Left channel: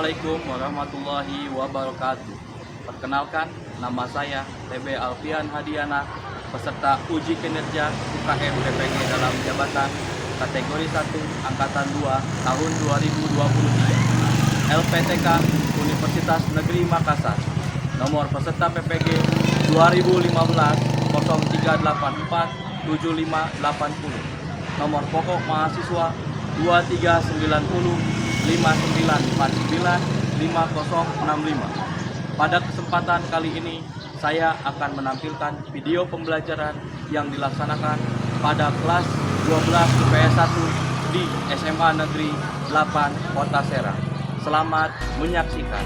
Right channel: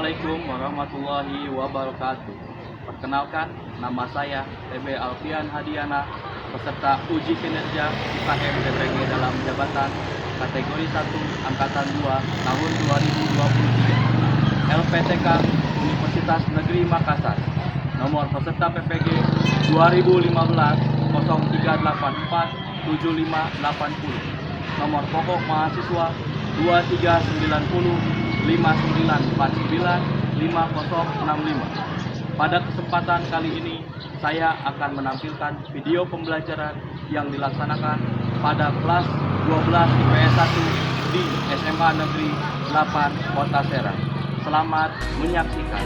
Assalamualaikum warahmatullahi wabarakatuh. Perkenalkan, nama saya PB Alfian Hadiana, peserta uji kinerja UKM PPG dalam jabatan kategori 1 Angkatan 2 tahun 2023 LPTK Universitas Negeri Makassar. Nomor peserta PPG 2015 0384 7580. Nomor pokok mahasiswa 2390 5949 5065. Pada kesempatan kali ini saya akan menampilkan video pembelajaran yang dilaksanakan pada kelas 12 IPS 1 di SMA Negeri 8 Kota Serang. Selamat menyaksikan.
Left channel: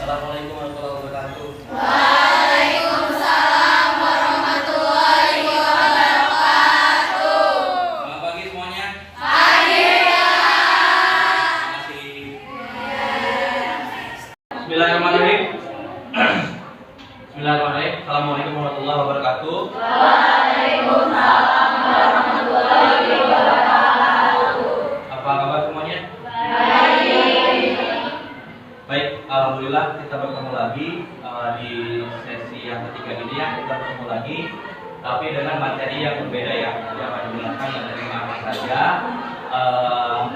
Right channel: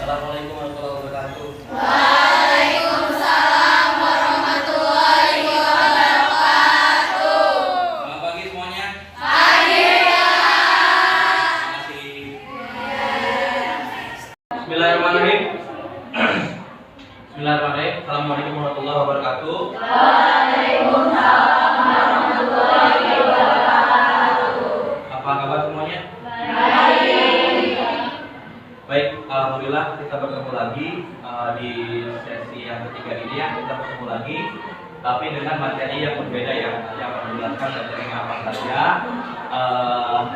Assalamualaikum warahmatullahi wabarakatuh. Waalaikumsalam warahmatullahi wabarakatuh. Selamat pagi semuanya. Pagi. Masih. Bismillahirrahmanirrahim. Bismillahirrahmanirrahim. Assalamualaikum warahmatullahi wabarakatuh. Waalaikumsalam warahmatullahi wabarakatuh. Apa kabar semuanya? Baik, alhamdulillah kita bertemu lagi di sesi yang ketiga ini ya. Kita bertemu lagi, tapi dengan materi yang berbeda ya. Yang akan dijelaskan materinya apa saja,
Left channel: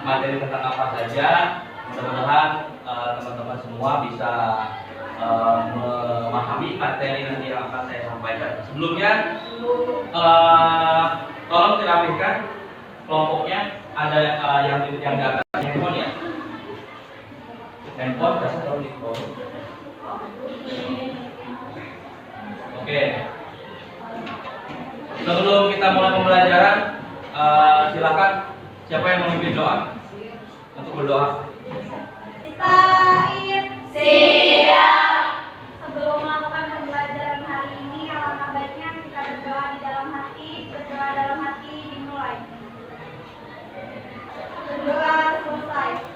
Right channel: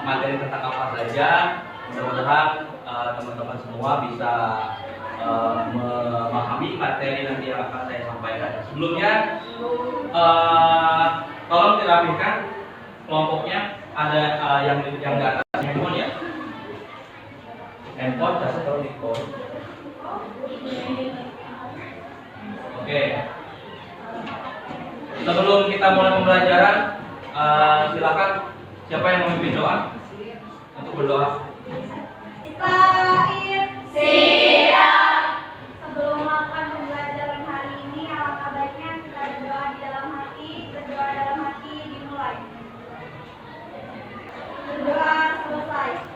materi tentang apa saja. Mudah-mudahan teman-teman semua bisa memahami materi nanti yang akan saya sampaikan. Sebelumnya, tolong dirapikan kelompoknya. Ada yang di atas handphone ya. Handphone kasih taruh di phone. Oke. Sebelum kita mulai pembelajaran, silakan siapa yang memimpin doa untuk berdoa. Siap. Sebelum melakukan pembelajaran hari ini, alangkah baiknya kita berdoa di dalam hati. Berdoa dalam hati dimulai. Berdoa selesai.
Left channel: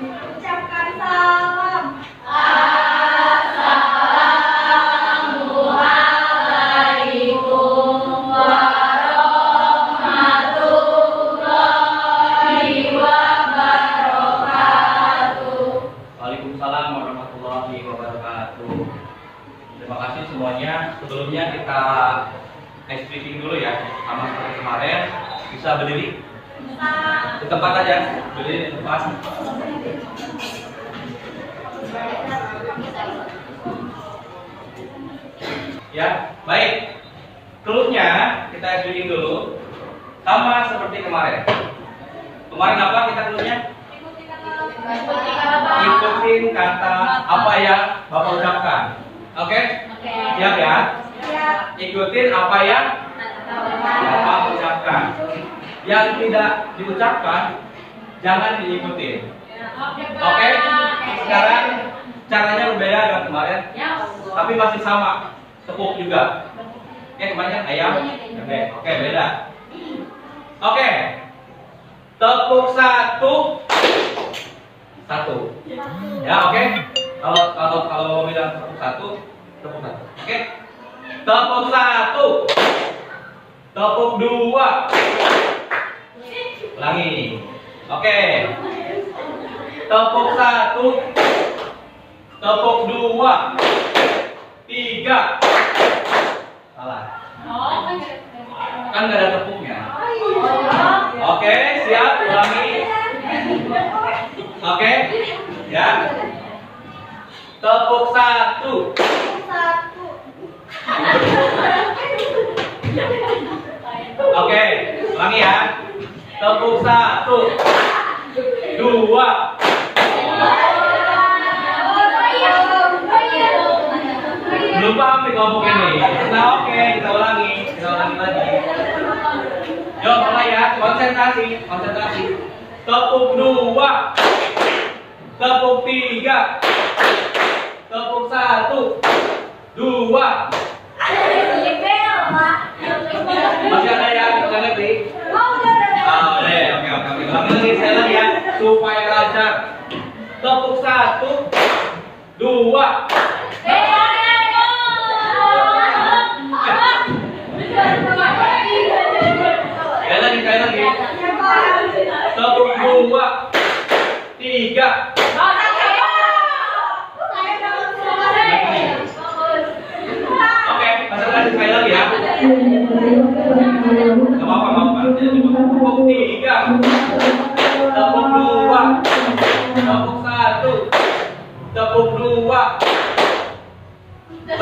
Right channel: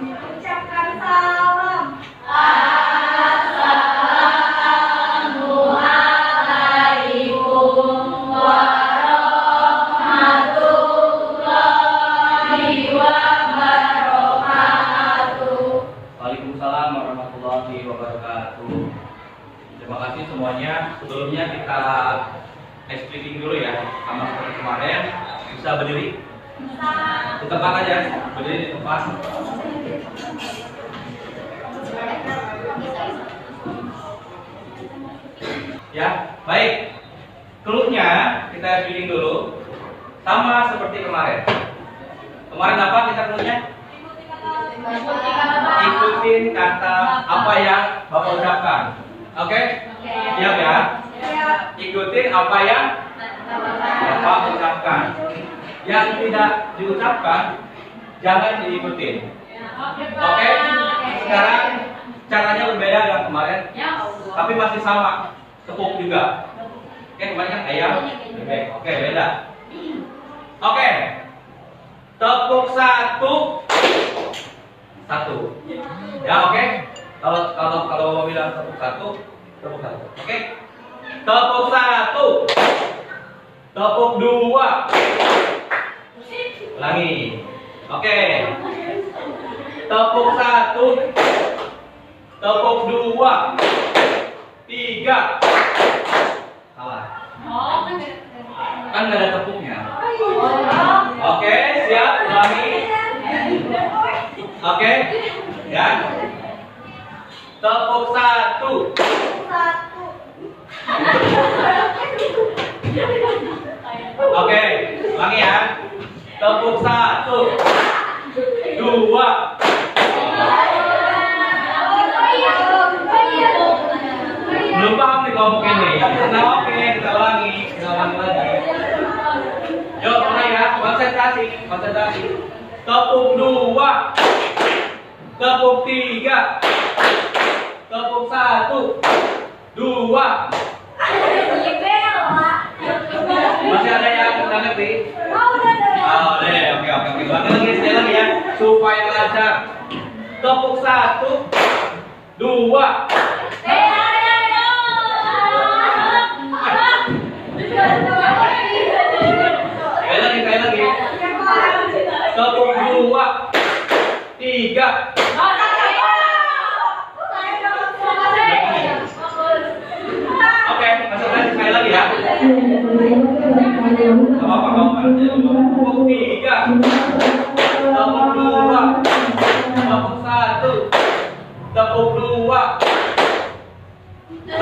Ucapkan salam. Assalamualaikum warahmatullahi wabarakatuh. Waalaikumsalam warahmatullahi wabarakatuh. Terima kasih semuanya. Sebelumnya kita ice breaking dulu ya, sama seperti kemarin. Bisa berdiri di tempat aja, berdiri di tempat. Ya, baik. Clue-nya kita ice breaking dulu, sama seperti kemarin. Kemarin apa kita clue-nya? Ikutin kata apa yang Bapak ucapkan. Oke? Siap ya? Ikutin apa yang Bapak ucapkan. Yang tidak diucapkan jangan diikutin. Oke? Sekarang caranya berbeda dengan kemarin, tapi masih sama. Tepuk juga. Oke, kemarin kan ayam. Oke, beda. Oke. Tepuk satu. Ya, oke. Kalau Bapak bilang tepuk satu. Oke. Tepuk satu. Tepuk dua. Ulangi. Oke. Tepuk satu. Tepuk dua. Tiga. Salah. Kan nggak ada tepuknya. Oke, siap. Ulangi. Oke, ya. Tepuk satu. Oke, ulangi ya. Tepuk satu, dua. Belum paham nih kelompok ini. Nah, oke, kita ulangi lagi. Yuk, mulai ya. Konsentrasi. Tepuk dua. Tepuk tiga. Tepuk satu. Dua. Masih ada yang kita ngerti? Oh, oke. Ulangi lagi saya ya, supaya lancar. Tepuk satu. 2. Sekali lagi. 1, 2, 3. Oke, konsentrasi sekali lagi ya. Gak apa-apa. Tepuk 3. Tepuk 2. Tepuk 1. Tepuk 2. 1.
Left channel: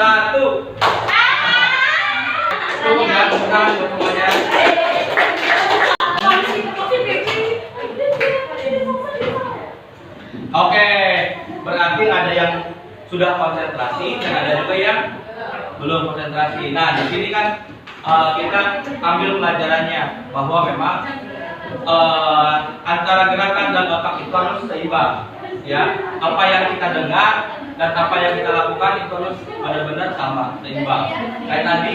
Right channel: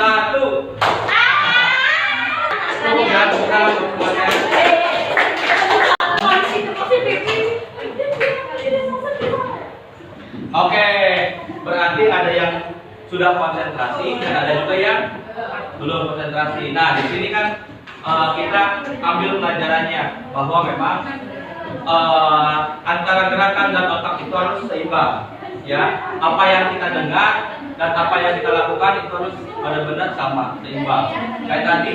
Tepuk ya, tepuk tangan untuk semuanya. Oke, berarti ada yang sudah konsentrasi dan ada juga yang belum konsentrasi. Nah, di sini kan kita ambil pelajarannya bahwa memang antara gerakan dan otak itu harus seimbang. Ya, apa yang kita dengar dan apa yang kita lakukan itu harus benar-benar sama, seimbang. Kayak tadi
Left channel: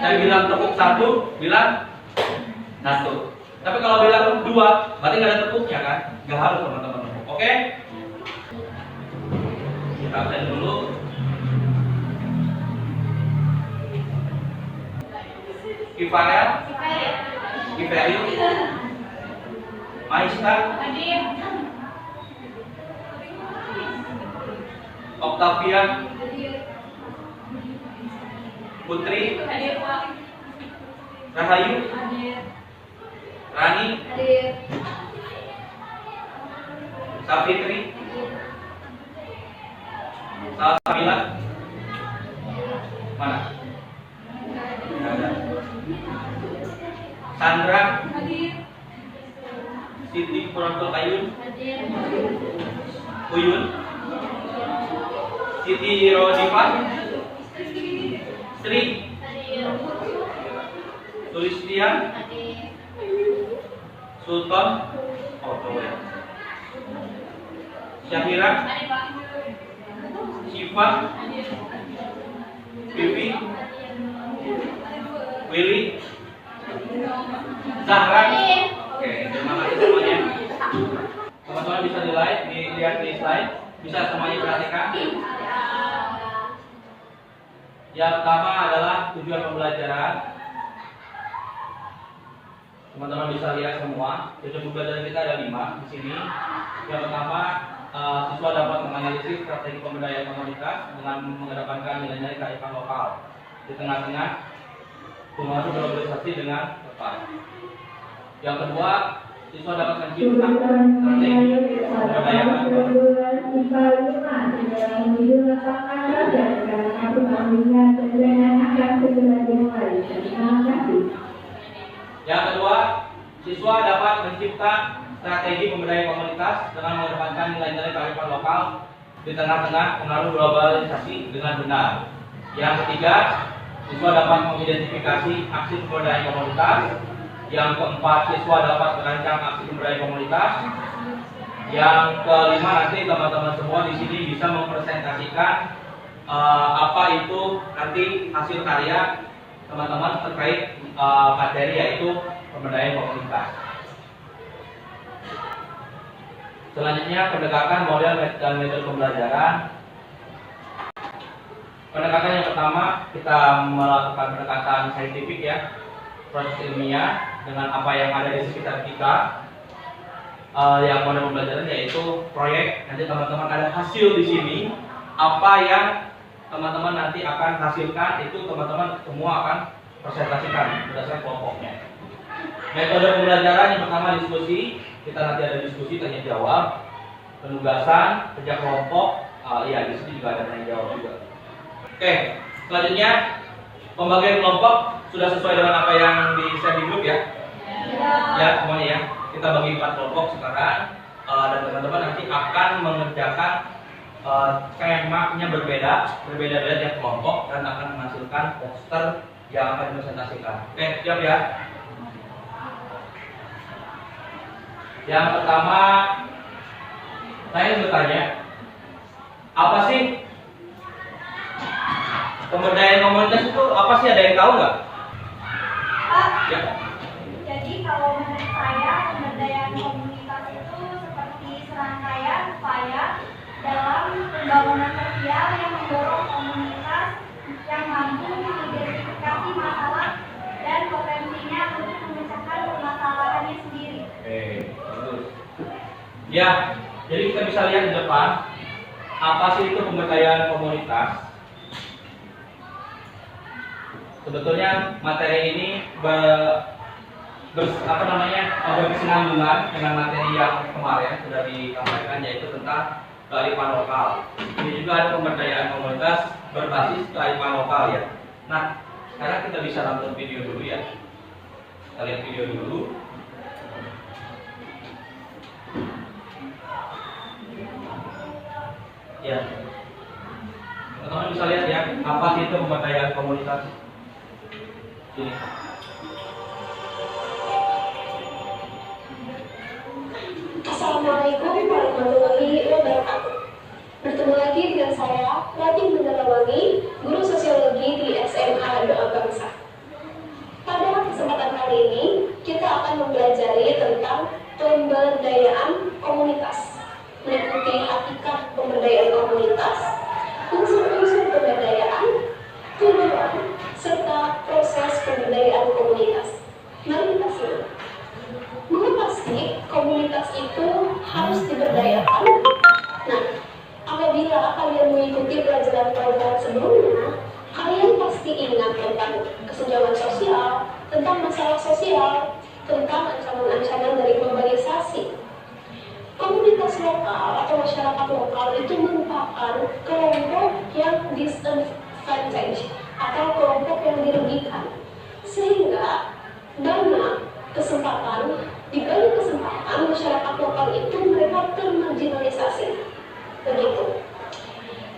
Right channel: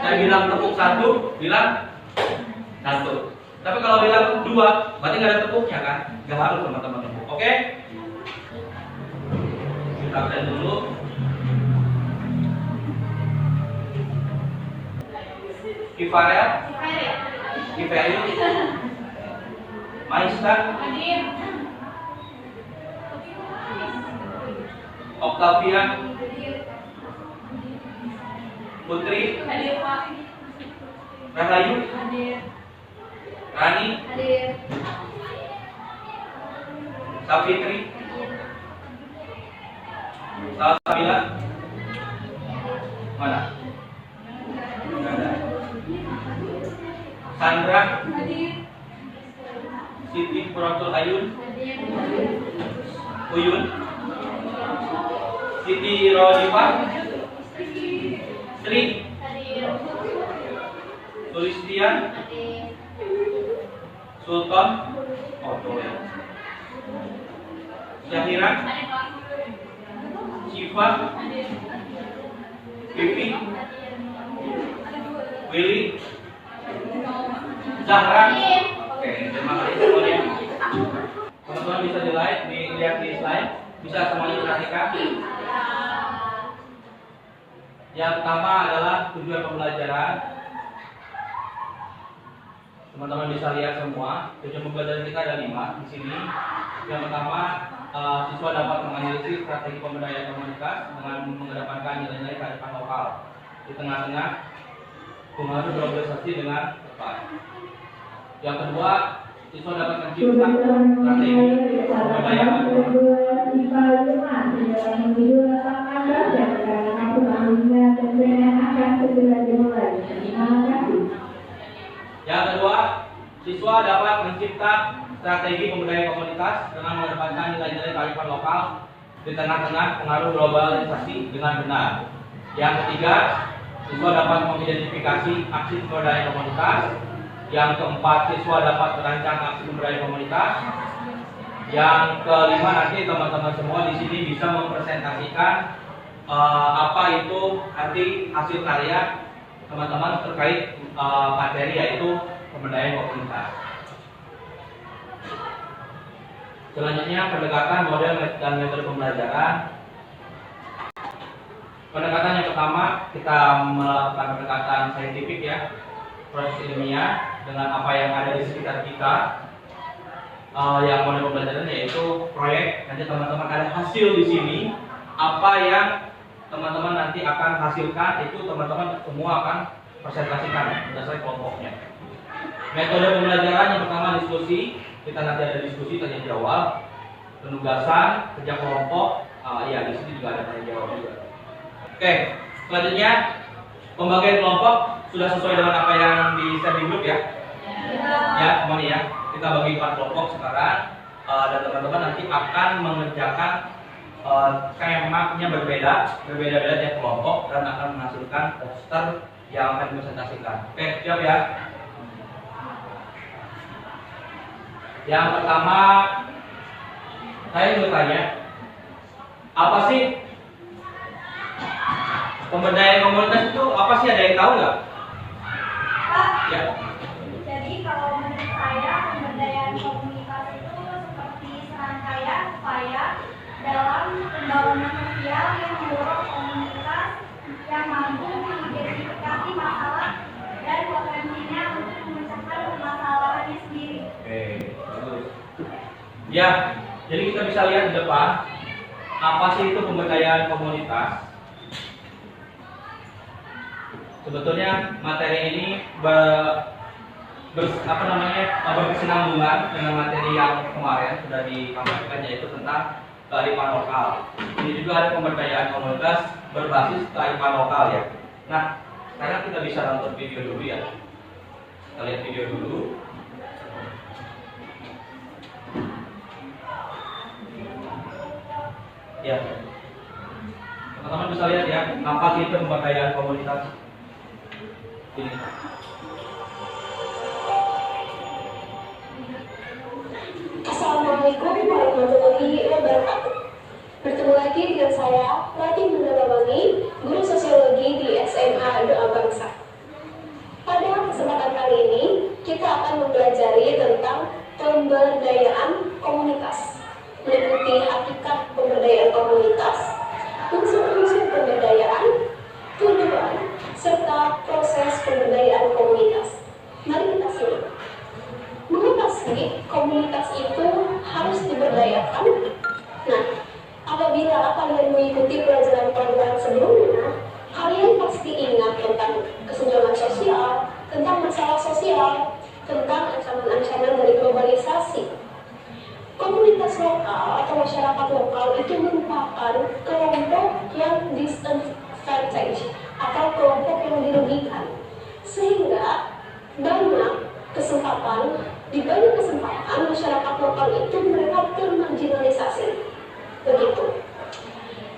saya bilang tepuk 1, bilang 1. Tapi kalau bilang 2, berarti nggak ada tepuknya kan? Nggak harus teman-teman tepuk. Oke? Kita absen dulu. Kifarel, Kiferi, Maista, Octavia, Putri, Rahayu, Rani, Safitri, Salsabila, mana? Nggak ada. Sandra, Siti Puratul Ayun, Uyun, Siti Rodifa, Sri, Sulistian, Sultan, Syahira, Syifa, Vivi, Willy, Zahra. Oke, terima kasih semuanya. Teman-teman bisa dilihat di slide, bisa semuanya perhatikan. Yang pertama adalah tujuan pembelajaran. Teman-teman bisa lihat semua. Tujuan pembelajaran kita ada 5 di sini. Yang pertama, siswa dapat menganalisis strategi pemberdayaan komunitas dengan mengedepankan nilai-nilai kearifan lokal. Di tengah-tengah, pengaruh berorganisasi dengan tepat. Yang kedua, siswa dapat mencipta strategi pemberdayaan Yang kedua, siswa dapat mencipta strategi pemberdayaan komunitas dengan mengedepankan nilai-nilai kearifan lokal di tengah-tengah pengaruh globalisasi dengan benar. Yang ketiga, siswa dapat mengidentifikasi aksi pemberdayaan komunitas. Yang keempat, siswa dapat merancang aksi pemberdayaan komunitas. Yang kelima, nanti teman-teman semua di sini bisa mempresentasikan apa itu nanti hasil karya teman-teman terkait materi yaitu pemberdayaan komunitas. Selanjutnya, pendekatan model dan metode pembelajaran. Pendekatan yang pertama, kita melakukan pendekatan saintifik ya, proses ilmiah dengan apa yang ada di sekitar kita. Yang model pembelajaran yaitu proyek. Nanti teman-teman ada hasil di sini. Apa yang teman-teman nanti akan hasilkan itu teman-teman semua akan presentasikan berdasarkan kelompoknya. Metode pembelajaran yang pertama diskusi. Kita nanti ada diskusi tanya jawab, penugasan, kerja kelompok. Ya di sini juga ada tanya jawab juga. Oke, selanjutnya pembagian kelompok sudah sesuai dengan apa yang di share di grup ya? Ya, semuanya ya. Kita bagi 4 kelompok sekarang dan teman-teman nanti akan mengerjakan skemanya berbeda-beda tiap kelompok dan akan menghasilkan poster yang akan dipresentasikan. Oke, siap ya? Yang pertama, saya ingin bertanya, apa sih pemberdayaan komunitas itu? Apa sih, ada yang tahu nggak? Pak, Ya. jadi kalau menurut saya pemberdayaan komunitas itu seperti serangkaian upaya dalam pembangunan sosial Ya, jadi kita bisa lihat di depan apa sih itu pemberdayaan komunitas. Sebetulnya materi ini berkesinambungan dengan materi yang kemarin sudah dikampaikan, yaitu tentang kearifan lokal. Ini juga ada pemberdayaan komunitas berbasis kearifan lokal ya. Nah, sekarang kita bisa nonton video dulu ya. Kita lihat video dulu. Ya, teman-teman bisa lihat ya, apa sih itu pemberdayaan komunitas. Ini. Assalamualaikum warahmatullahi wabarakatuh. Bertemu lagi dengan saya, Ratih Mandalawangi, guru sosiologi di SMA Doa Bangsa. Pada kesempatan kali ini, kita akan mempelajari tentang pemberdayaan komunitas, meliputi hakikat pemberdayaan komunitas, unsur-unsur pemberdayaan, tujuan, serta proses pemberdayaan komunitas. Mari kita simak. Mengapa sih komunitas itu harus diberdayakan? Nah, apabila kalian mengikuti pelajaran-pelajaran sebelumnya, kalian pasti ingat tentang kesenjangan sosial, tentang masalah sosial, tentang ancaman-ancaman dari globalisasi. Komunitas lokal atau masyarakat lokal itu merupakan kelompok yang disadvantaged atau kelompok yang dirugikan, sehingga di banyak kesempatan masyarakat lokal itu mereka termarginalisasi. Begitu.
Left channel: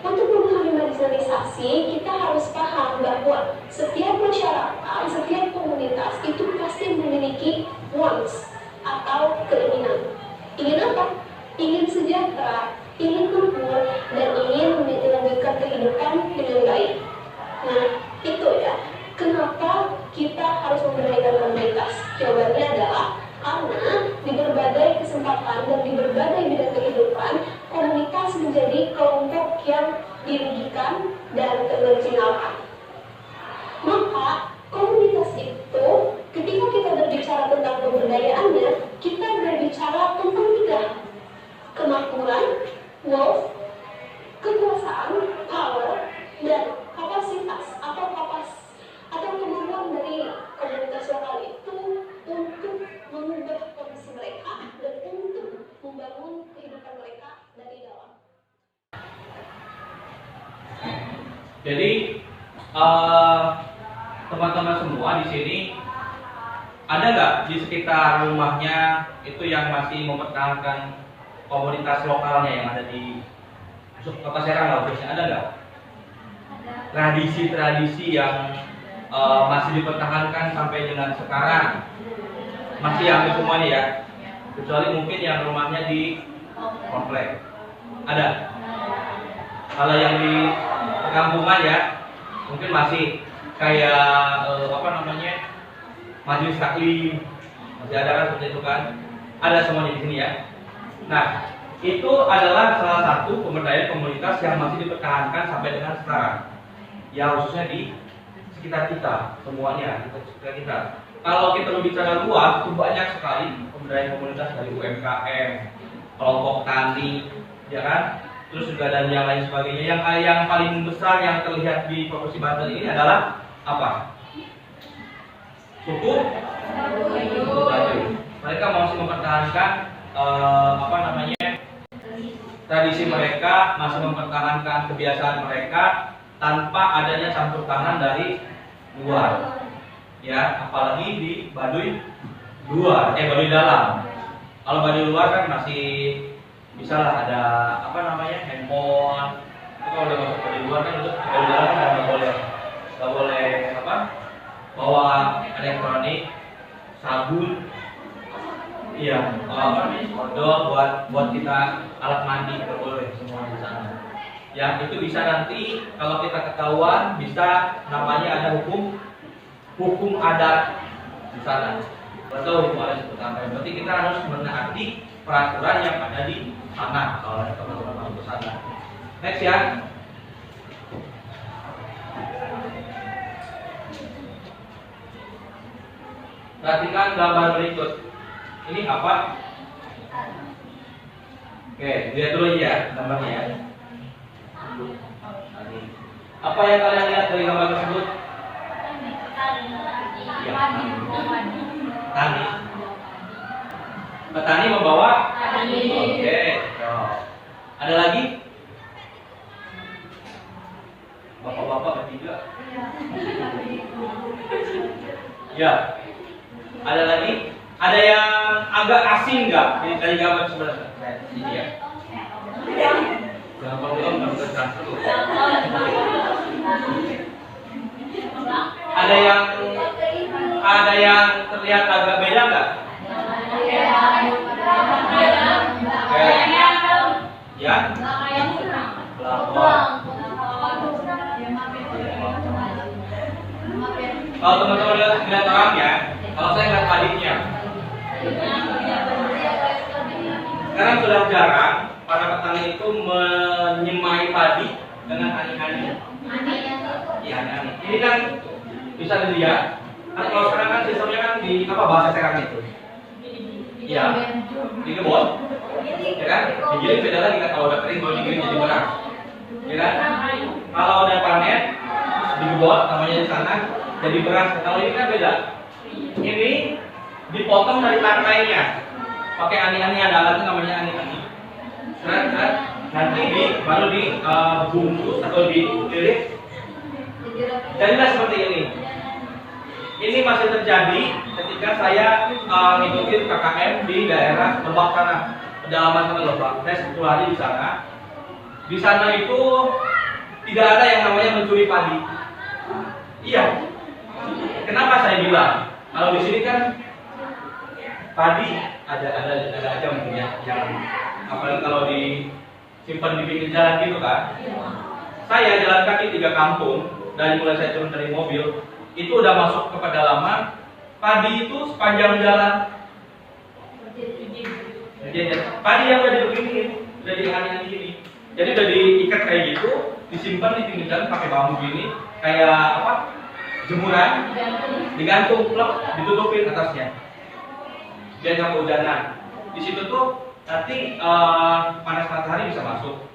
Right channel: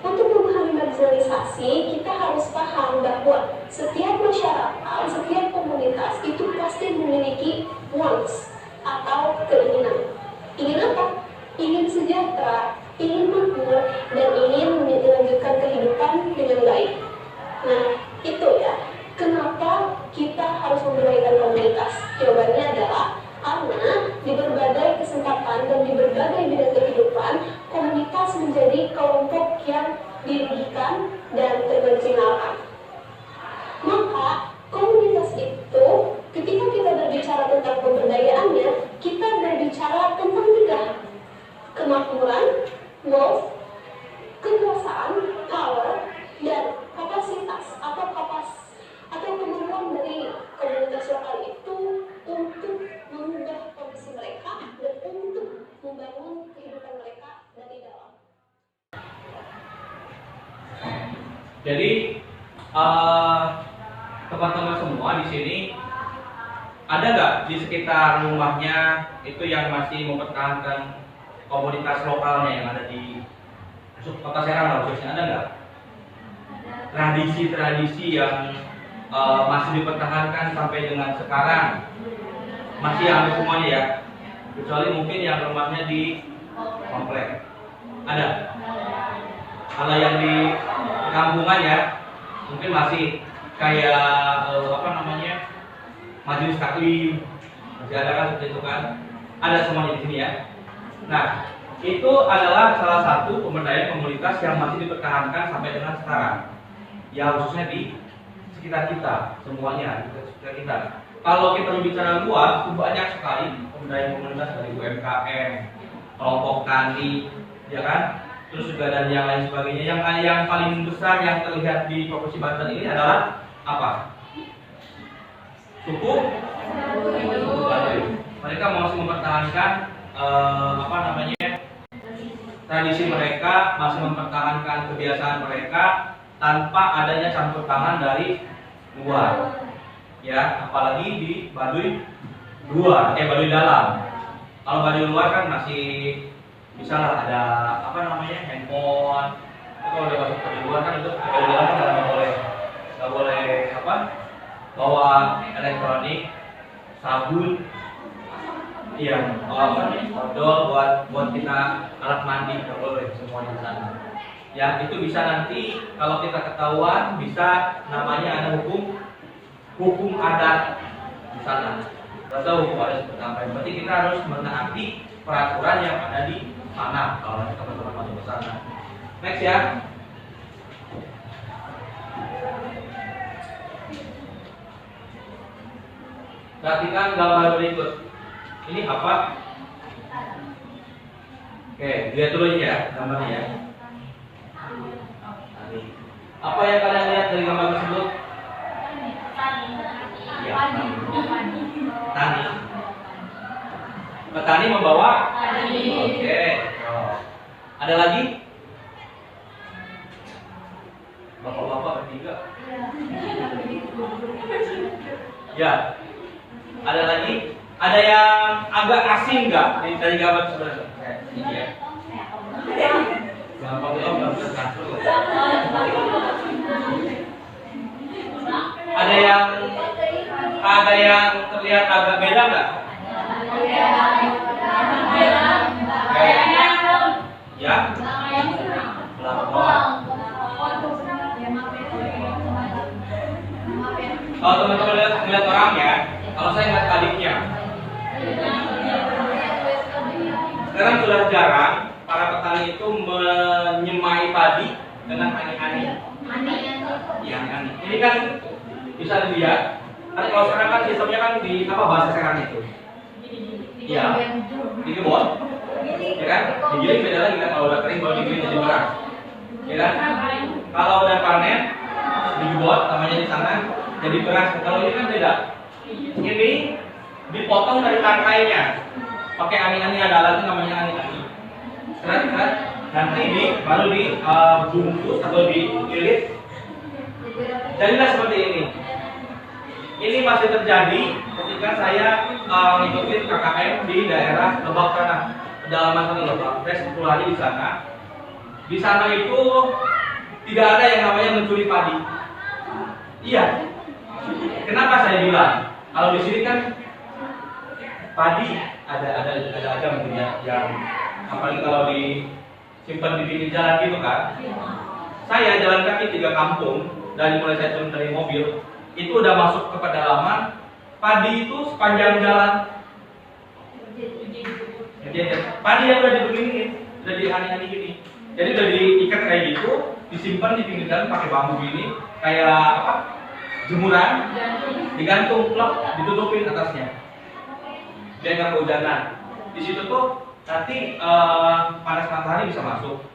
Untuk memahami marginalisasi, kita harus paham bahwa setiap masyarakat, setiap komunitas itu pasti memiliki wants atau keinginan. Ingin apa? Ingin sejahtera, ingin makmur, dan ingin melanjutkan kehidupan dengan baik. Nah, itu ya. Kenapa kita harus memberdayakan komunitas? Jawabannya adalah karena di berbagai kesempatan dan di berbagai bidang kehidupan, komunitas menjadi kelompok yang dirugikan dan termarginalkan. Maka komunitas itu, ketika kita berbicara tentang pemberdayaannya, kita berbicara tentang tiga: kemakmuran, wealth, kekuasaan, power, dan kapasitas atau kemampuan dari komunitas lokal itu untuk mengubah kondisi mereka dan untuk membangun kehidupan mereka dari dalam. Jadi teman-teman semua di sini ada nggak di sekitar rumahnya itu yang masih mempertahankan komunitas lokalnya yang ada di Kota Serang lah khususnya, ada nggak? Tradisi-tradisi yang masih dipertahankan sampai dengan sekarang, masih hampir semuanya ya, kecuali mungkin yang rumahnya di komplek. Ada. Kalau yang di kampungan ya, mungkin masih kayak majelis taklim, masih ada kan seperti itu kan? Ada semuanya di sini ya. Nah, itu adalah salah satu pemberdayaan komunitas yang masih dipertahankan sampai dengan sekarang. Ya khususnya di sekitar kita, semuanya di sekitar kita. Kalau kita berbicara luas, itu banyak sekali pemberdayaan komunitas dari UMKM, kelompok tani, ya kan? Terus juga dan yang lain sebagainya. Yang paling besar yang terlihat di Provinsi Banten ini adalah apa? Suku Baduy. Mereka masih mempertahankan tradisi mereka, masih mempertahankan kebiasaan mereka tanpa adanya campur tangan dari luar. Ya, apalagi di Baduy luar, Baduy dalam. Kalau Baduy luar kan masih bisa lah ada handphone. Kalau udah masuk Baduy luar kan itu Baduy dalam kan nggak boleh bawa elektronik, sabun, odol buat kita alat mandi, nggak boleh semuanya di sana. Yang itu bisa nanti kalau kita ketahuan bisa namanya ada hukum adat di sana. Atau hukum adat seperti apa? Berarti kita harus menaati peraturan yang ada di sana kalau teman-teman masuk ke sana. Next ya. Perhatikan gambar berikut. Ini apa? Oke, lihat dulu ya gambarnya ya. Apa yang kalian lihat dari gambar tersebut? Ya, tani. Petani membawa. Oke. Ada lagi? Bapak-bapak bertiga. Ya. Ada lagi? Ada yang agak asing nggak dari gambar sebenarnya? Ini ya. Gampang belum transfer. Ada yang terlihat agak beda nggak? Ya. Kalau teman-teman lihat orangnya, kalau saya lihat padiknya. Sekarang sudah jarang para petani itu menyemai padi dengan ani-ani. Iya, ani. Ini kan bisa dilihat. Kan kalau sekarang kan sistemnya kan di apa bahasa sekarang itu? Iya, digebot, ya kan? Digiling beda lagi kan kalau udah kering baru digiling jadi beras, ya kan? Kalau udah panen digebot, namanya di sana jadi beras. Kalau ini kan beda. Ini dipotong dari tangkainya, pakai ani-ani, ada alatnya namanya ani-ani. Kan? Nanti baru dibungkus atau dililit. Jadilah seperti ini. Ini masih terjadi ketika saya ngikutin KKM di daerah Lebak sana, pedalaman sana Lebak. Saya 10 hari di sana. Di sana itu tidak ada yang namanya mencuri padi. Iya. Kenapa saya bilang? Kalau di sini kan padi ada aja mungkin ya, yang apalagi kalau disimpan di pinggir jalan gitu kan. Saya jalan kaki 3 kampung dari mulai saya turun dari mobil. Itu udah masuk ke pedalaman, padi itu sepanjang jalan. Jadi padi yang udah dibeginiin, udah dihani-hani gini. Jadi udah diikat kayak gitu, disimpan di pinggir jalan pakai bambu gini, kayak apa? Jemuran, digantung, plek, ditutupin atasnya. Biar nggak kehujanan. Di situ tuh nanti panas matahari bisa masuk,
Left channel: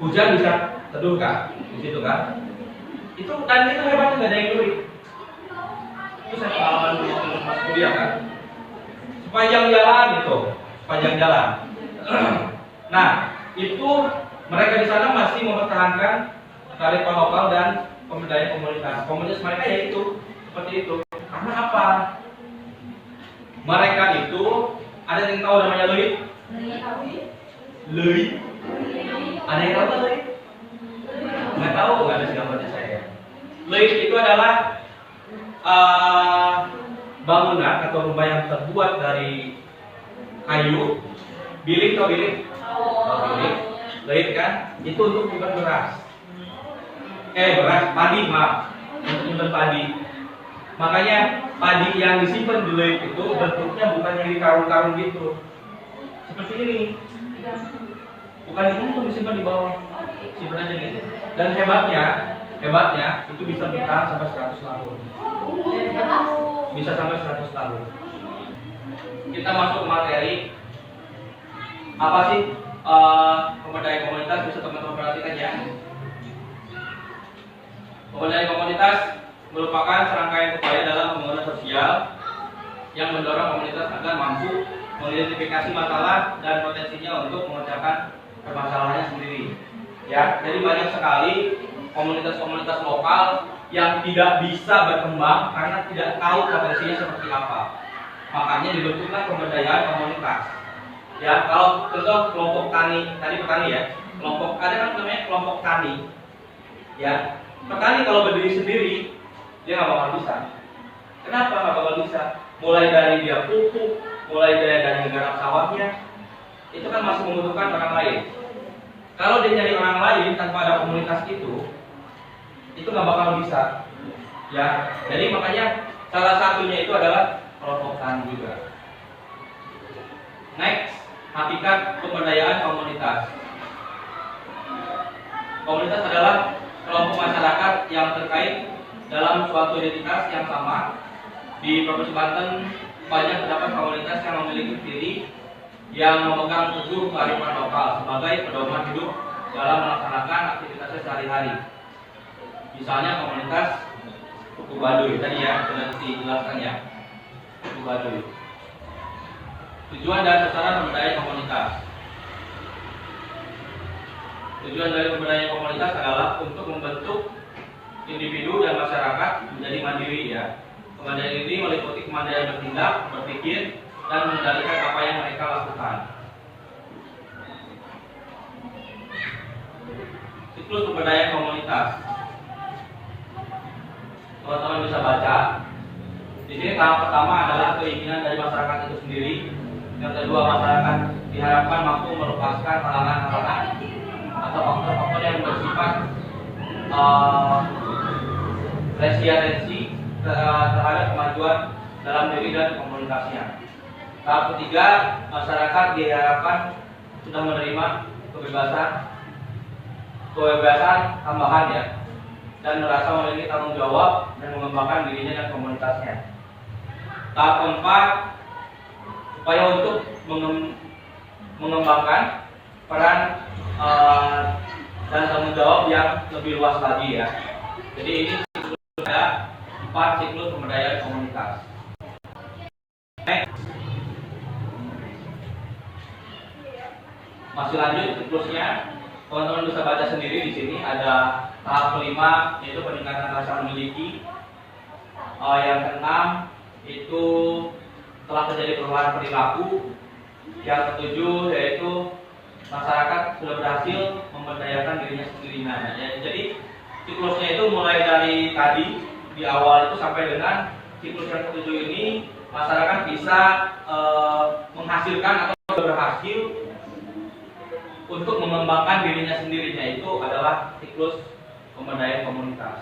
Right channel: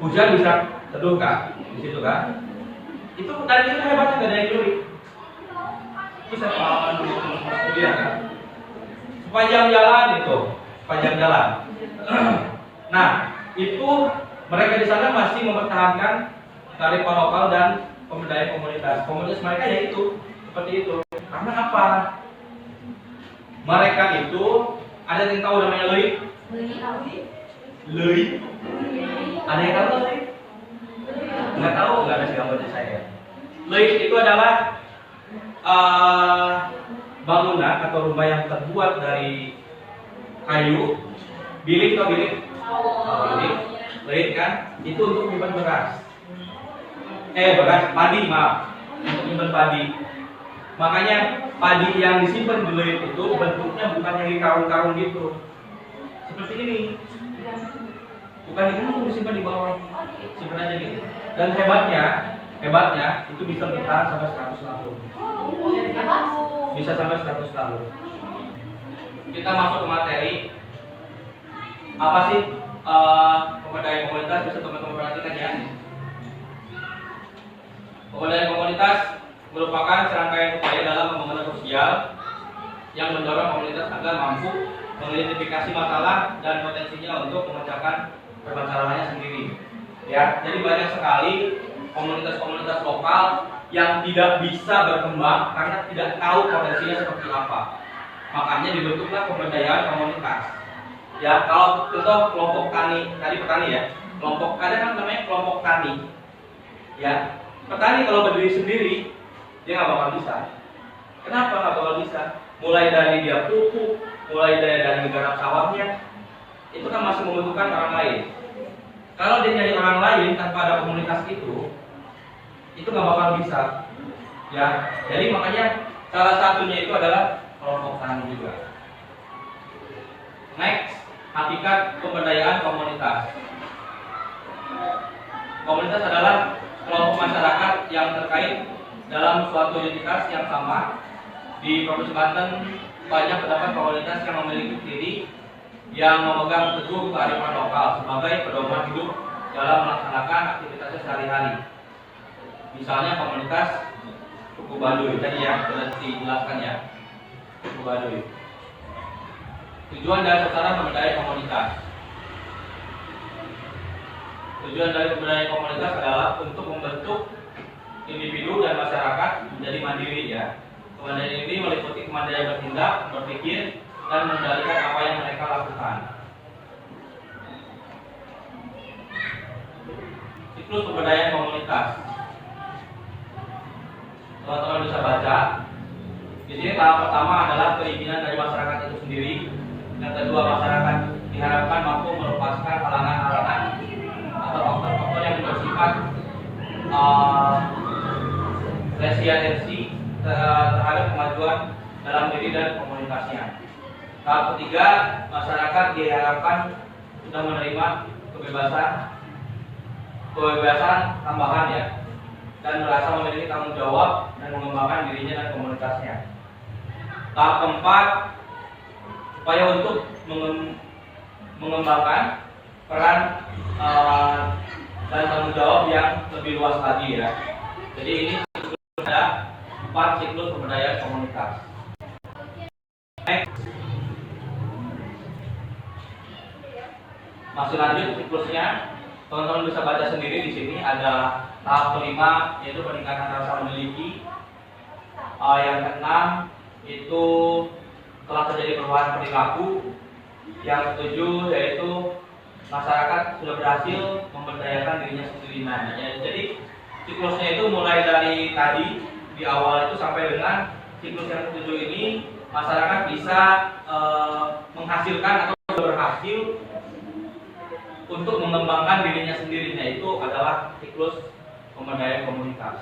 hujan bisa teduh kan, di situ kan. Itu dan itu hebatnya nggak ada yang nyuri. Itu saya pengalaman dulu pas kuliah kan. Sepanjang jalan itu, sepanjang jalan. Nah, itu mereka di sana masih mempertahankan kearifan lokal dan pemberdayaan komunitas. Komunitas mereka ya itu seperti itu. Karena apa? Mereka itu ada yang tahu namanya leuit? Leuit? Ada yang tahu leuit? Nggak tahu, nggak ada gambarnya saya. Leuit itu adalah bangunan atau rumah yang terbuat dari kayu, bilik atau bilik, bilik, leuit kan? Itu untuk menyimpan beras. Padi, maaf, untuk menyimpan padi. Makanya padi yang disimpan di leuit itu bentuknya bukan yang di karung-karung gitu, seperti ini. Bukan itu disimpan di bawah, simpan aja gitu. Dan hebatnya itu bisa bertahan sampai 100 tahun. Bisa sampai 100 tahun. Kita masuk ke materi. Apa sih pemberdayaan komunitas? Bisa teman-teman perhatikan ya. Pemberdayaan komunitas merupakan serangkaian upaya dalam pembangunan sosial yang mendorong komunitas agar mampu mengidentifikasi masalah dan potensinya untuk mengerjakan permasalahannya sendiri. Ya, jadi banyak sekali komunitas-komunitas lokal yang tidak bisa berkembang karena tidak tahu potensinya seperti apa. Makanya dibentuklah pemberdayaan komunitas. Ya, kalau contoh kelompok tani, tadi petani ya, kelompok ada kan namanya kelompok tani. Ya, petani kalau berdiri sendiri dia nggak bakal bisa. Kenapa nggak bakal bisa? Mulai dari dia pupuk, mulai dari menggarap sawahnya, itu kan masih membutuhkan orang lain. Kalau dia nyari orang lain tanpa ada komunitas itu nggak bakal bisa. Ya, jadi makanya salah satunya itu adalah kelompok tani juga. Next, hakikat pemberdayaan komunitas. Komunitas adalah kelompok masyarakat yang terkait dalam suatu identitas yang sama. Di Provinsi Banten banyak terdapat komunitas yang memiliki ciri yang memegang teguh kearifan lokal sebagai pedoman hidup dalam melaksanakan aktivitasnya sehari-hari. Misalnya komunitas suku Baduy tadi ya sudah dijelaskan ya, suku Baduy. Tujuan dan sasaran pemberdayaan komunitas. Tujuan dari pemberdayaan komunitas adalah untuk membentuk individu dan masyarakat menjadi mandiri ya. Kemandirian ini meliputi kemandirian bertindak, berpikir, dan mengendalikan apa yang mereka lakukan. Siklus pemberdayaan komunitas. Teman-teman bisa baca. Di sini tahap pertama adalah keinginan dari masyarakat itu sendiri. Yang kedua, masyarakat diharapkan mampu melepaskan halangan-halangan atau faktor-faktor yang bersifat resistensi terhadap kemajuan dalam diri dan komunitasnya. Tahap ketiga, masyarakat diharapkan sudah menerima kebebasan tambahan ya, dan merasa memiliki tanggung jawab dan mengembangkan dirinya dan komunitasnya. Tahap keempat, upaya untuk mengembangkan peran dan tanggung jawab yang lebih luas lagi ya. Jadi ini ada 4 siklus pemberdayaan komunitas. Masih lanjut siklusnya, teman-teman bisa baca sendiri di sini ada tahap kelima yaitu peningkatan rasa memiliki. Yang keenam itu telah terjadi perubahan perilaku. Yang ketujuh yaitu masyarakat sudah berhasil memberdayakan dirinya sendiri. Nah, jadi siklusnya itu mulai dari tadi di awal itu sampai dengan siklus yang ketujuh ini masyarakat bisa menghasilkan atau berhasil untuk mengembangkan dirinya sendirinya, itu adalah siklus pemberdayaan komunitas.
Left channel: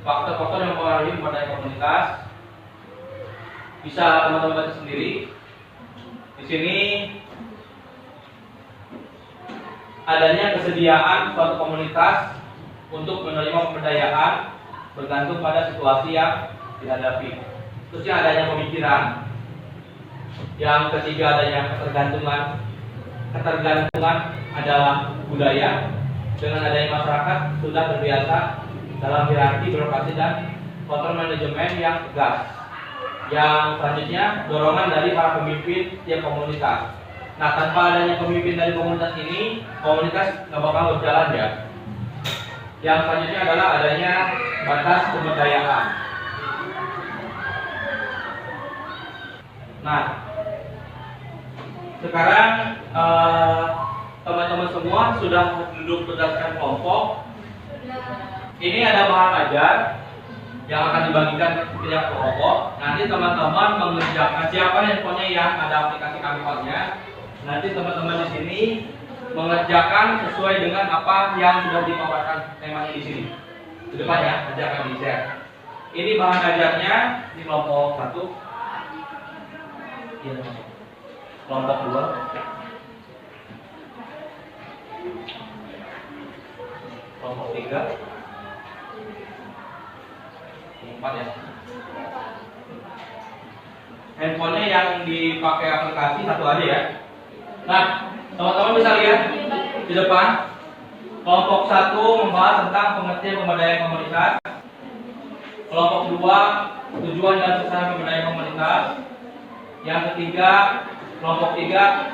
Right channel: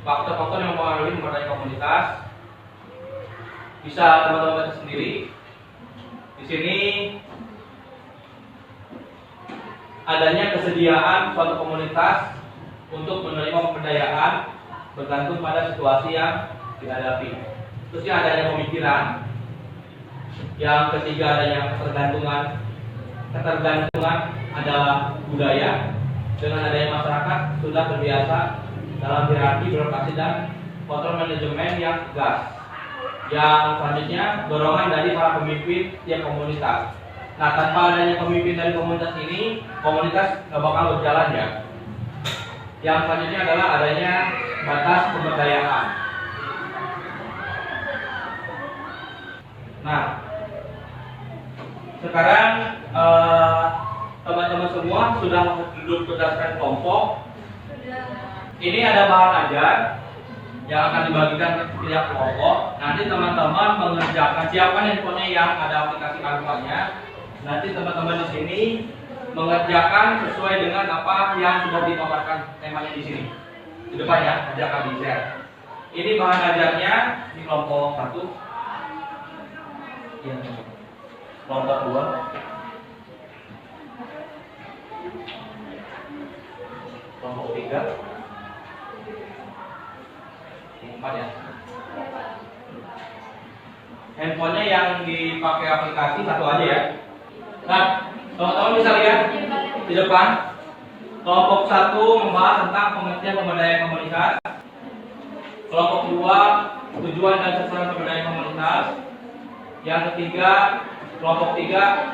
Faktor-faktor yang mempengaruhi pemberdayaan komunitas bisa teman-teman baca sendiri. Di sini adanya kesediaan suatu komunitas untuk menerima pemberdayaan bergantung pada situasi yang dihadapi. Terusnya adanya pemikiran. Yang ketiga adanya ketergantungan. Ketergantungan adalah budaya. Dengan adanya masyarakat sudah terbiasa dalam hierarki birokrasi dan kontrol manajemen yang tegas. Yang selanjutnya dorongan dari para pemimpin tiap komunitas. Nah, tanpa adanya pemimpin dari komunitas ini, komunitas nggak bakal berjalan ya. Yang selanjutnya adalah adanya batas pemberdayaan. Nah, sekarang teman-teman semua sudah duduk berdasarkan kelompok. Ini ada bahan ajar yang akan dibagikan ke setiap kelompok. Nanti teman-teman mengerjakan siapa handphonenya yang ada aplikasi Canva-nya. Nanti teman-teman di sini mengerjakan sesuai dengan apa yang sudah dipaparkan temanya di sini. Di depannya nanti akan di-share. Ini bahan ajarnya di kelompok 1. Ya, kelompok 2. Kelompok 3. 4 ya. Handphonenya yang dipakai aplikasi satu aja ya. Nah, teman-teman bisa lihat di depan. Kelompok 1 membahas tentang pengertian pemberdayaan komunitas. Kelompok 2 tujuan dan sasaran pemberdayaan komunitas. Yang ketiga, kelompok 3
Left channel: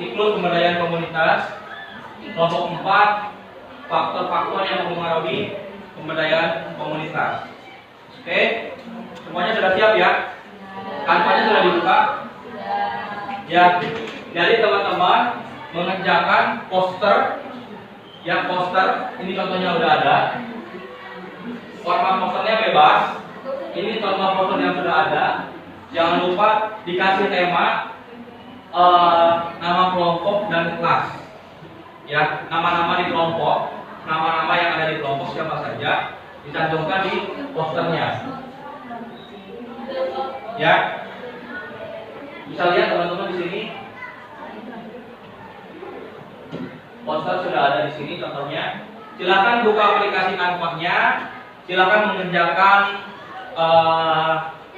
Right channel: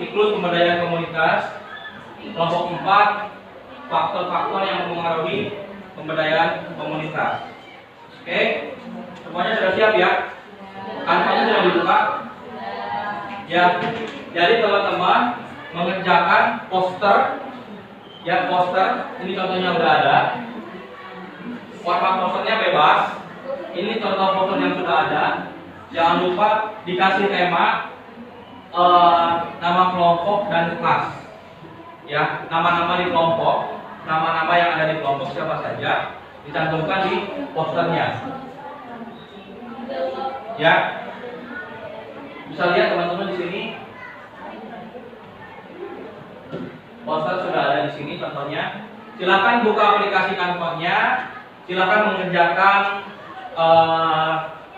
siklus pemberdayaan komunitas. Kelompok 4 faktor-faktor yang mempengaruhi pemberdayaan komunitas. Oke, semuanya sudah siap ya? Kanvanya sudah dibuka? Ya, jadi teman-teman mengerjakan poster. Yang poster, ini contohnya udah ada. Format posternya bebas. Ini contoh poster yang sudah ada. Jangan lupa dikasih tema, nama kelompok dan kelas. Ya, nama-nama di kelompok, nama-nama yang ada di kelompok siapa saja dicantumkan di posternya. Ya, bisa lihat teman-teman di sini. Poster sudah ada di sini contohnya. Silakan buka aplikasi Canva-nya. Silakan mengerjakan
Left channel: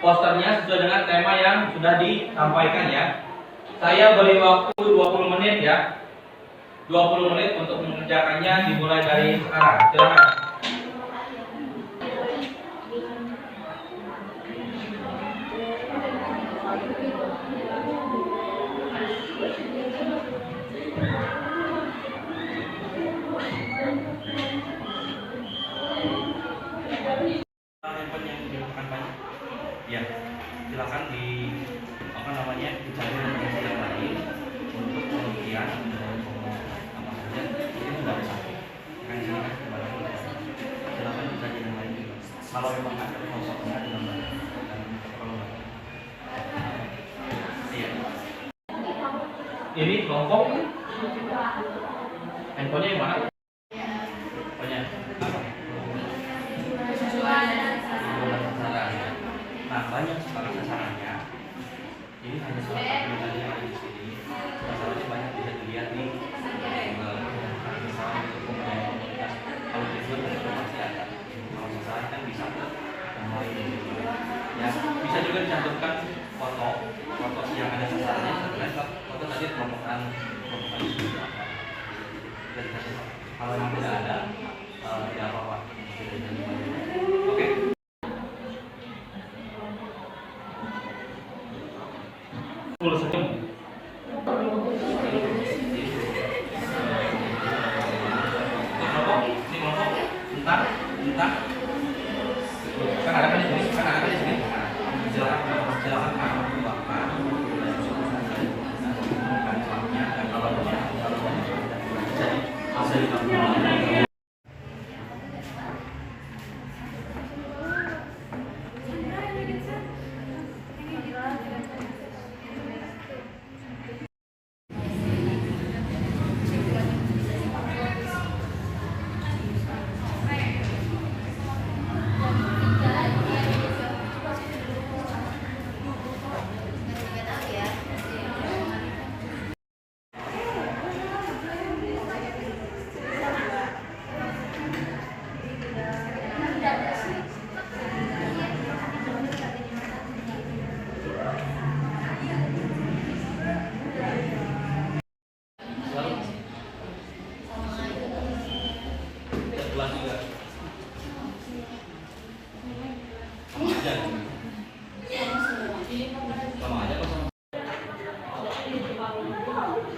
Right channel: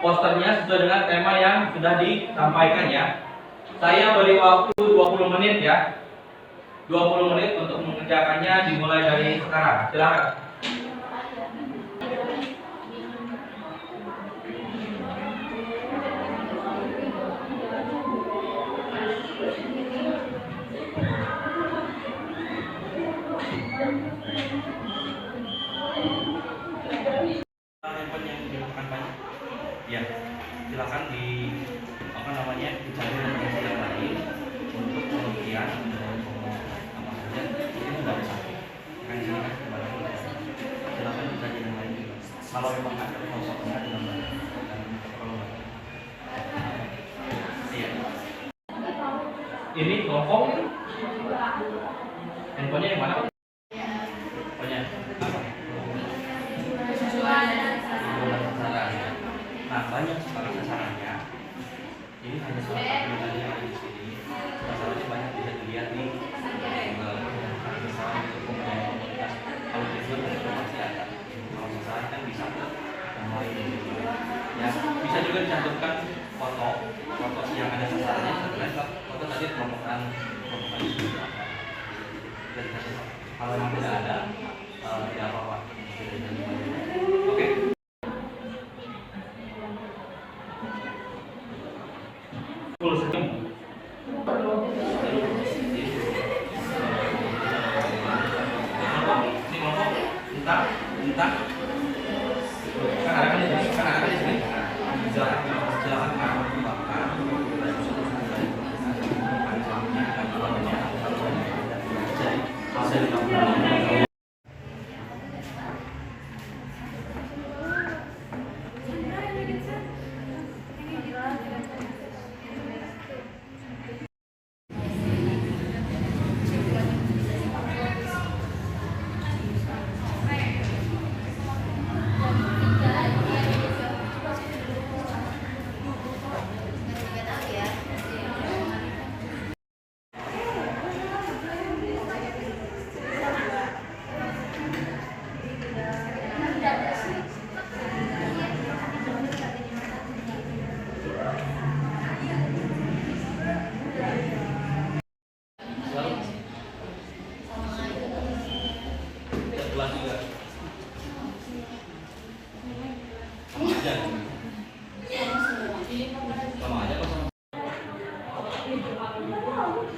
posternya sesuai dengan tema yang sudah disampaikan ya. Saya beri waktu 20 menit ya. 20 menit untuk mengerjakannya dimulai dari sekarang. Silakan. Handphone yang dilakukan banyak. Ya, silakan di apa namanya dicari referensi yang lain untuk penelitian dan apa saja ini sudah bisa. Kan sini kan kembali silakan dicari yang lain juga. Kalau memang ada kosongnya dengan baik dan kalau iya. Ini kelompok handphonenya yang mana? Handphonenya apa? Nah, banyak sekali sasarannya. Ini hanya salah satu dari yang ada di sini. Sasarannya banyak bisa dilihat di misalnya untuk komunitas. Kalau tujuan itu pasti ada. Kalau sasaran kan bisa yang lain juga. Ya, bisa juga dicantumkan foto yang ada sasarannya. Sebenarnya foto tadi kelompokan itu apa? Kalau yang tidak ada, tidak apa-apa. Oke. Full senyum. Ini kelompok entah kan ada di sini. Silakan kamu bakar. Hasil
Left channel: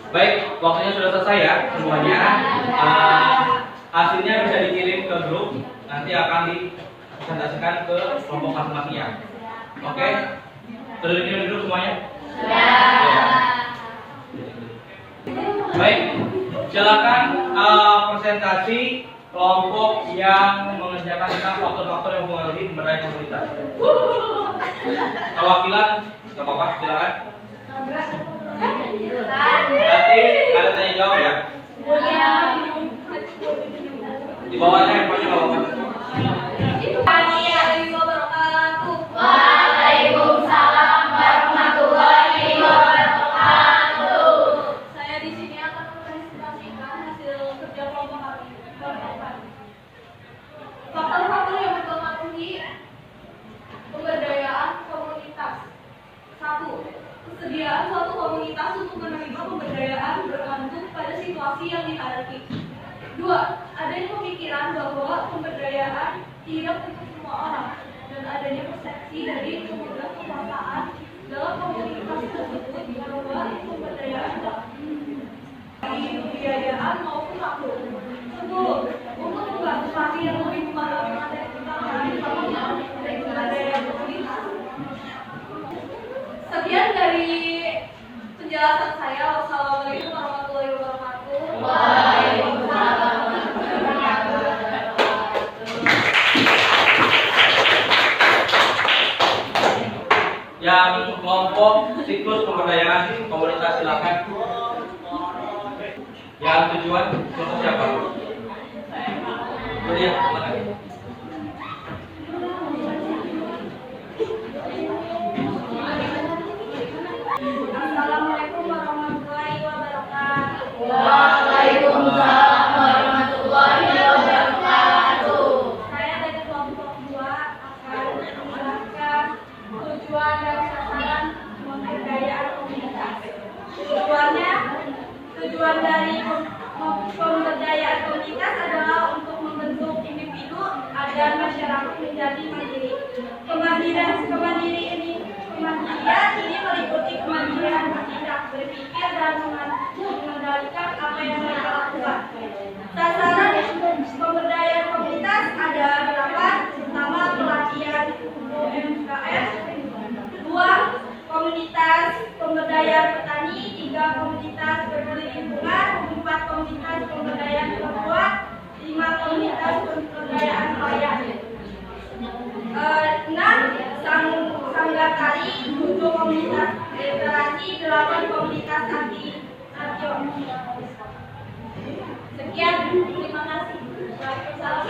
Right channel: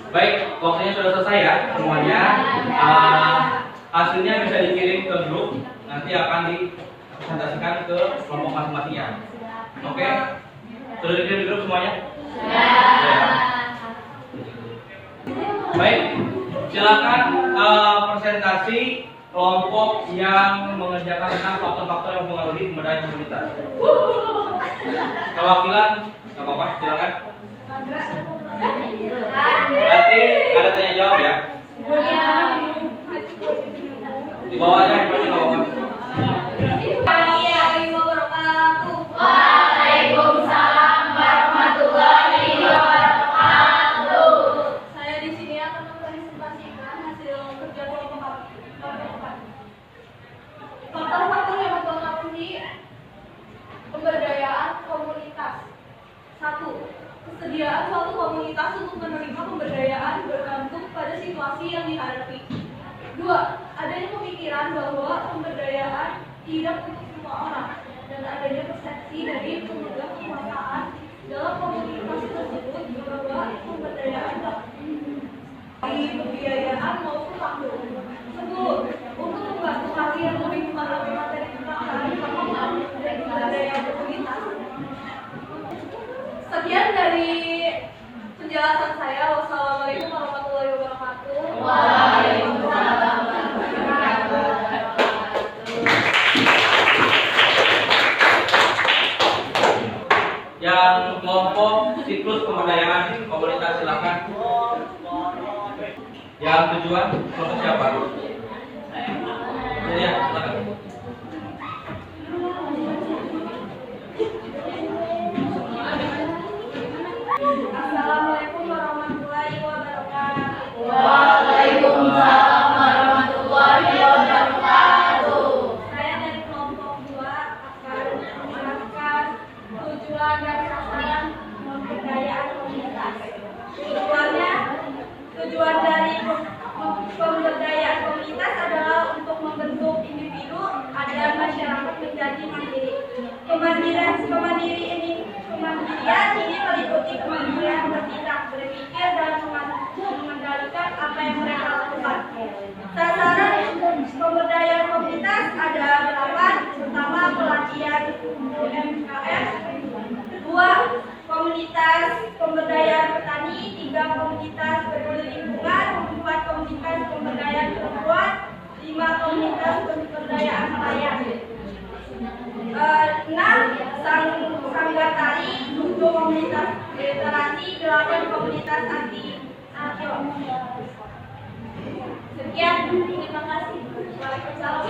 Baik, waktunya sudah selesai ya semuanya. Hasilnya bisa dikirim ke grup, nanti akan dipresentasikan ke kelompok masing-masing ya. Oke, sudah dikirim di grup semuanya? Ya. Baik, silakan presentasi kelompok yang mengerjakan tentang faktor-faktor yang mempengaruhi pemberdayaan komunitas. Perwakilan, nggak apa-apa, silakan. Nanti ada tanya jawab ya. Di bawahnya handphonenya nggak apa-apa. Waalaikumsalam warahmatullahi wabarakatuh. Saya di sini akan mempresentasikan hasil kerja kelompok kami. Faktor-faktor yang mempengaruhi pemberdayaan komunitas. 1. Kesediaan suatu komunitas untuk menerima pemberdayaan bergantung pada situasi yang dihadapi. 2. Adanya pemikiran bahwa pemberdayaan tidak untuk semua orang dan adanya persepsi dari pemegang kekuasaan dalam komunitas tersebut bahwa pemberdayaan dari pembiayaan maupun makhluk. 10. Untuk membantu parti yang lebih memahami materi tentang hal yang sama dan pemberdayaan komunitas. Sekian dari penjelasan saya. Wassalamualaikum warahmatullahi wabarakatuh. Waalaikumsalam warahmatullahi wabarakatuh. Yang kelompok siklus pemberdayaan komunitas silakan. Yang tujuan kelompok siapa? Ya, silakan. Assalamualaikum warahmatullahi wabarakatuh. Waalaikumsalam warahmatullahi wabarakatuh. Saya dari kelompok 2 akan menjelaskan komunitas adalah untuk membentuk individu agar masyarakat menjadi mandiri. Kemandirian ini meliputi kemandirian bertindak, berpikir, dan mengendalikan apa yang mereka lakukan. Sasaran pemberdayaan komunitas ada 8, pertama pelatihan UMKM, kedua komunitas pemberdayaan petani, 3 komunitas peduli lingkungan, 4 komunitas pemberdayaan perempuan, 5 komunitas pemberdayaan nelayan, 6 sanggar tari, 7 komunitas literasi, 8 komunitas anti Sekian, terima kasih. Waalaikumsalam.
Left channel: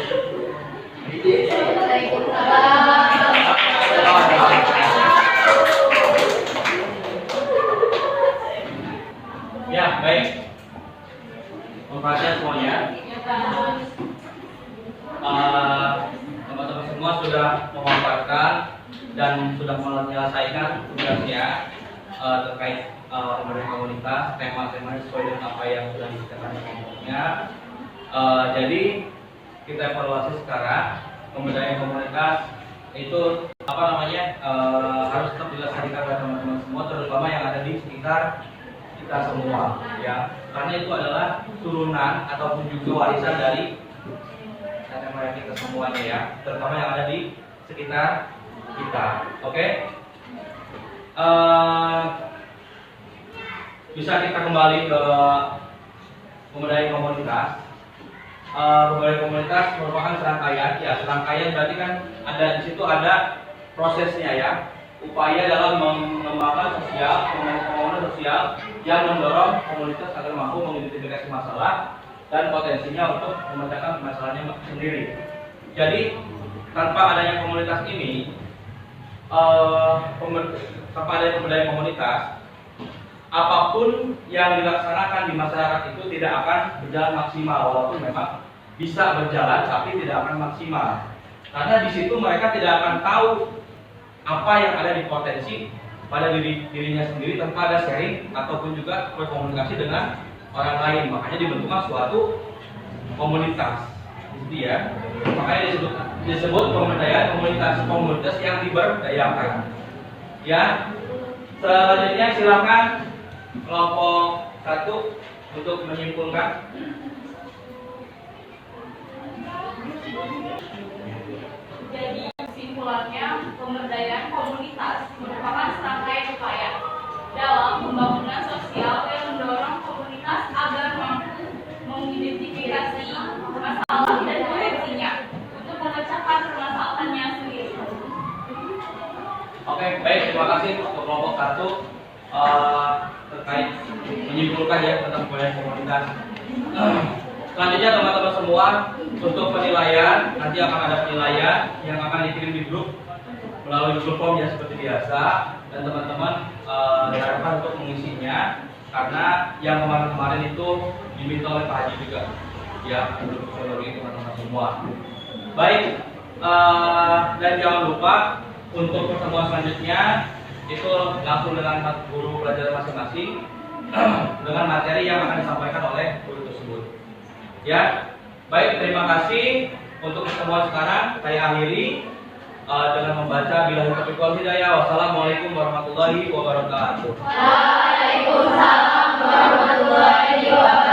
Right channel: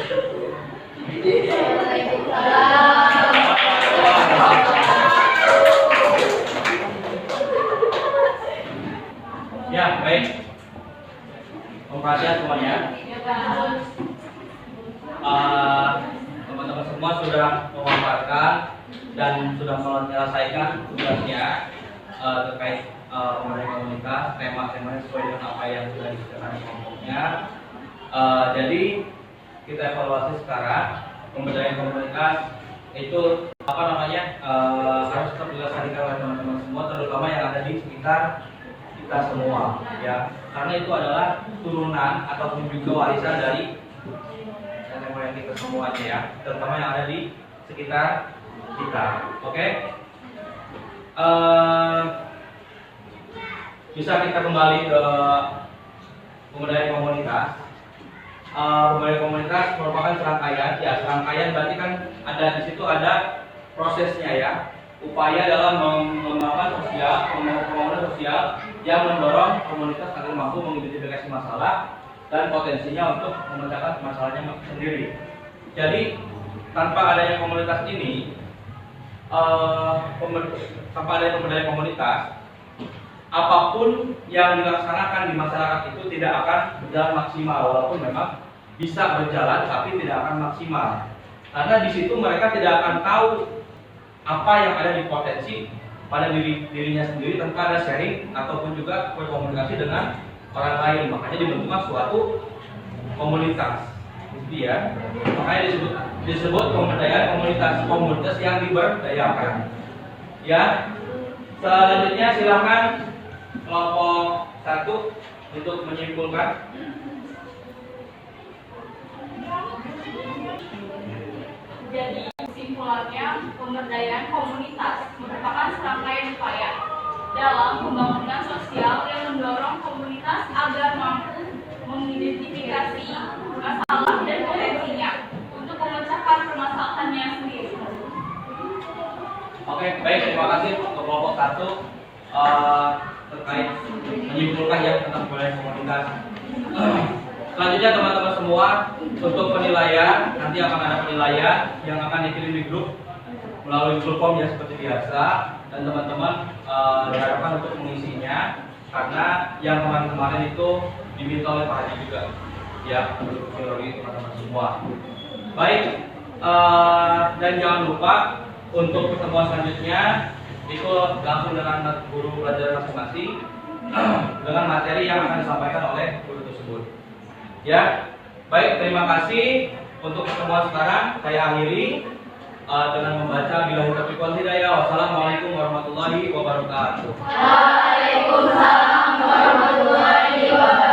Ya, baik. Perhatian semuanya. Teman-teman semua sudah memaparkan dan sudah menyelesaikan tugasnya terkait pemberdayaan komunitas. Tema-temanya sesuai dengan apa yang sudah disediakan di kelompoknya. Jadi kita evaluasi sekarang pemberdayaan komunitas itu harus tetap dilaksanakan oleh teman-teman semua, terutama yang ada di sekitar kita semua, ya, karena itu adalah turunan ataupun juga warisan dari nenek moyang kita semuanya, ya, terutama yang ada di sekitar kita. Oke. Bisa kita kembali ke pemberdayaan komunitas. Pemberdayaan komunitas merupakan serangkaian, ya, serangkaian berarti kan ada di situ ada prosesnya, ya. Upaya dalam mengembangkan pembangunan sosial yang mendorong komunitas agar mampu mengidentifikasi masalah dan potensinya untuk memecahkan masalahnya sendiri. Jadi tanpa adanya komunitas ini, tanpa adanya pemberdayaan komunitas, apapun yang dilaksanakan di masyarakat itu tidak akan berjalan maksimal, walaupun memang bisa berjalan tapi tidak akan maksimal. Karena di situ mereka tidak akan tahu apa yang ada di potensi pada dirinya sendiri tanpa ada sharing ataupun juga berkomunikasi dengan orang lain. Makanya dibentuklah suatu komunitas, gitu ya. Makanya disebut pemberdayaan komunitas yang diberdayakan. Ya. Selanjutnya silakan kelompok 1 untuk menyimpulkan. Jadi kesimpulannya, pemberdayaan komunitas merupakan serangkaian upaya dalam pembangunan sosial yang mendorong komunitas agar mampu mengidentifikasi masalah dan potensinya untuk memecahkan permasalahannya sendiri. Oke, baik, terima kasih untuk kelompok 1 terkait menyimpulkan ya tentang pemberdayaan komunitas. Selanjutnya teman-teman semua, untuk penilaian nanti akan ada penilaian yang akan dikirim di grup melalui grup form ya seperti biasa, dan teman-teman diharapkan untuk mengisinya karena yang kemarin-kemarin itu diminta oleh Pak Haji juga ya untuk priori teman-teman semua. Baik, dan jangan lupa untuk pertemuan selanjutnya itu langsung dengan guru pelajaran masing-masing dengan materi yang akan disampaikan oleh guru tersebut. Ya, baik, terima kasih untuk pertemuan sekarang. Saya akhiri dengan membaca billahi taufiq wal hidayah. Wassalamualaikum warahmatullahi wabarakatuh. Waalaikumsalam warahmatullahi wabarakatuh.